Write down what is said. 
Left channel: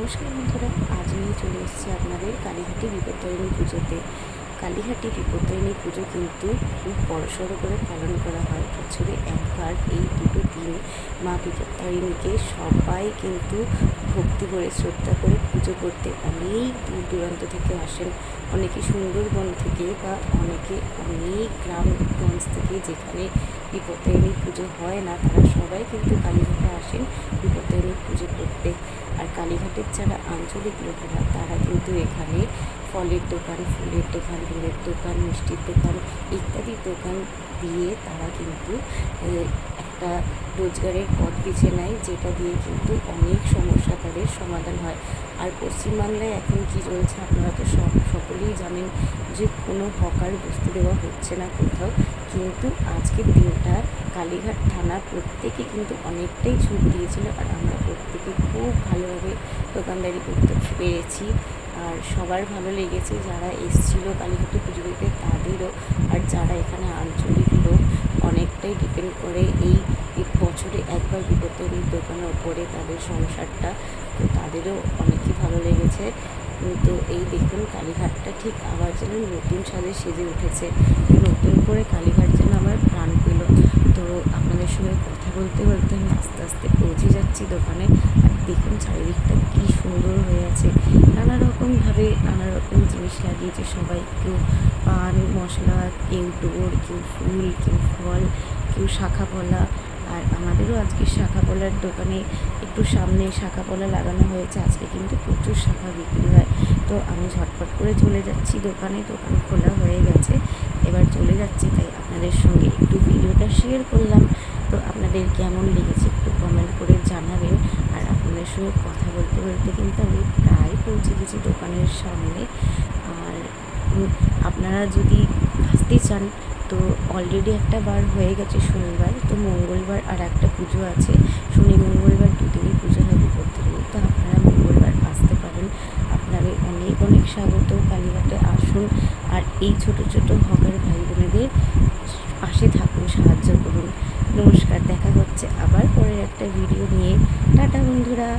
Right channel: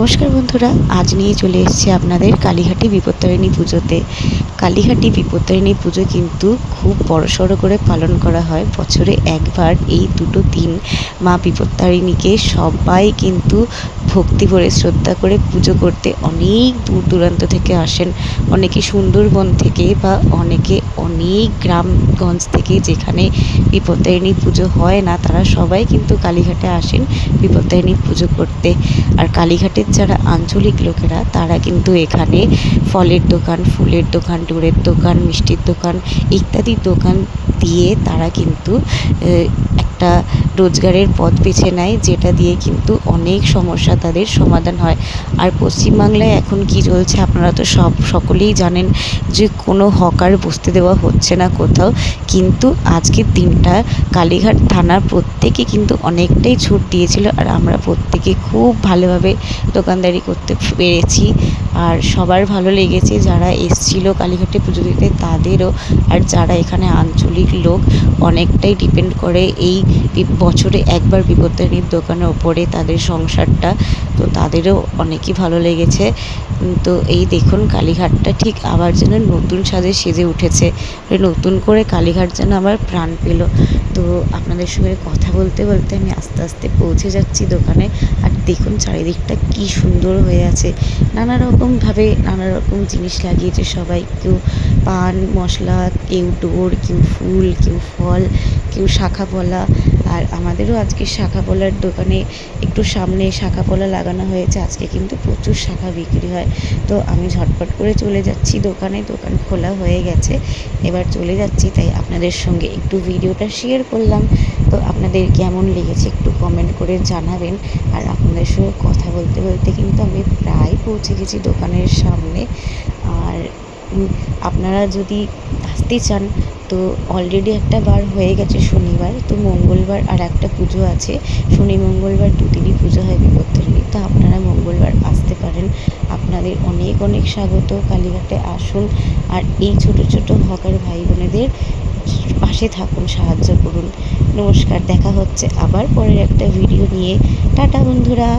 নমস্কার বন্ধুরা, আজ নিয়ে চলে এসেছি আপনাদের কালীঘাটি বিপত্তারিণী পুজোতে। কালীঘাটি বিপত্তারিণী পুজো কিন্তু খুব বড়সড় করে পালন করা হয়। বছরে একবার এই দুটো দিন মা বিপত্তারিণীকে সবাই কিন্তু ভক্তি ভরে শ্রদ্ধা করে পুজো করতে অনেক দূর দূরান্ত থেকে আসেন। অনেকে সুন্দরবন থেকে বা অনেকে অনেক গ্রামগঞ্জ থেকে, যেখানে বিপত্তারিণী পুজো হয় না, তারা সবাই কিন্তু কালীঘাটে আসেন বিপত্তারিণী পুজো করতে। আর কালীঘাটের যারা আঞ্চলিক লোকেরা, তারা কিন্তু এখানে ফলের দোকান, ফুলের দোকান, ডোরের দোকান, মিষ্টির দোকান ইত্যাদি দোকান দিয়ে তারা কিন্তু একটা রোজগারের পথ বেছে নেয়, যেটা দিয়ে কিন্তু অনেক সমস্যা তাদের সমাধান হয়। আর পশ্চিমবাংলায় এখন কি চলছে আপনারা তো সকলেই জানেন, যে কোনো হকার বসতে দেওয়া হচ্ছে না কোথাও। কিন্তু আজকের দিনটা কালীঘাট থানার প্রত্যেকে কিন্তু অনেকটাই ছুট দিয়েছিল, আর আমরা প্রত্যেকে খুব ভালোভাবে দোকানদারি করতে পেরেছি। আর সবার ভালো লেগেছে, যারা এসছিল কালীঘাটে পুজো দিতে তাদেরও। আর যারা এখানে আঞ্চলিক লোক অনেকটাই ডিপেন্ড করে এই বছরে একবার বিপত্তারিণীর দোকানের ওপরে তাদের সংসারটা, তো তাদেরও অনেকই ভালো লেগেছে। তো এই দেখুন, কালীঘাটটা ঠিক আবার যেন নতুন সাজে সেজে উঠেছে, নতুন করে কালীঘাট যেন আবার প্রাণ পেল। তো আপনাদের সঙ্গে কথা বলতে বলতে আমি আস্তে আস্তে পৌঁছে যাচ্ছি দোকানে। আর দেখুন চারিদিকটা কি সুন্দর হয়ে আছে, নানা রকমভাবে নানা রকম জিনিস লাগিয়েছে সবাই। কেউ পান মশলা, কেউ ডোর, কেউ ফুল, কেউ ফল, কেউ শাখা পলা। আর আমাদেরও আজকে শাখা পলার দোকানে একটু সামনে শাখা পলা লাগানো হয়েছে। আজকে কিন্তু প্রচুর শাখা বিক্রি হয়। তো আমি ঝটপট করে চলে যাচ্ছি দোকানে, দোকান খোলা হয়ে গেছে, এবার চলে যাচ্ছি। তাই আপনাদের সঙ্গে একটু ভিডিওটা শেয়ার করলাম। তো আপনাদের কেমন লেগেছে একটু কমেন্ট করে জানাবেন। আর আপনাদের সঙ্গে কথা বলতে বলতে কিন্তু আমি প্রায় পৌঁছে গেছি দোকানের সামনে। আর আপনারা যদি আসতে চান, তো অলরেডি একটা বার হয়ে গেছে শনিবার, তো মঙ্গলবার আর একটা পুজো আছে। শনি মঙ্গলবার দুদিনই পুজো হয় বিপত্তারিণী, তো আপনারা মঙ্গলবার আসতে পারেন। আপনাদের অনেক অনেক স্বাগত, কালীঘাটে আসুন। আর এই ছোট ছোট হকার ভাই বোনেদের পাশে থাকুন, সাহায্য করুন। নমস্কার, দেখা হচ্ছে আবার পরের একটা ভিডিও নিয়ে। টাটা বন্ধুরা।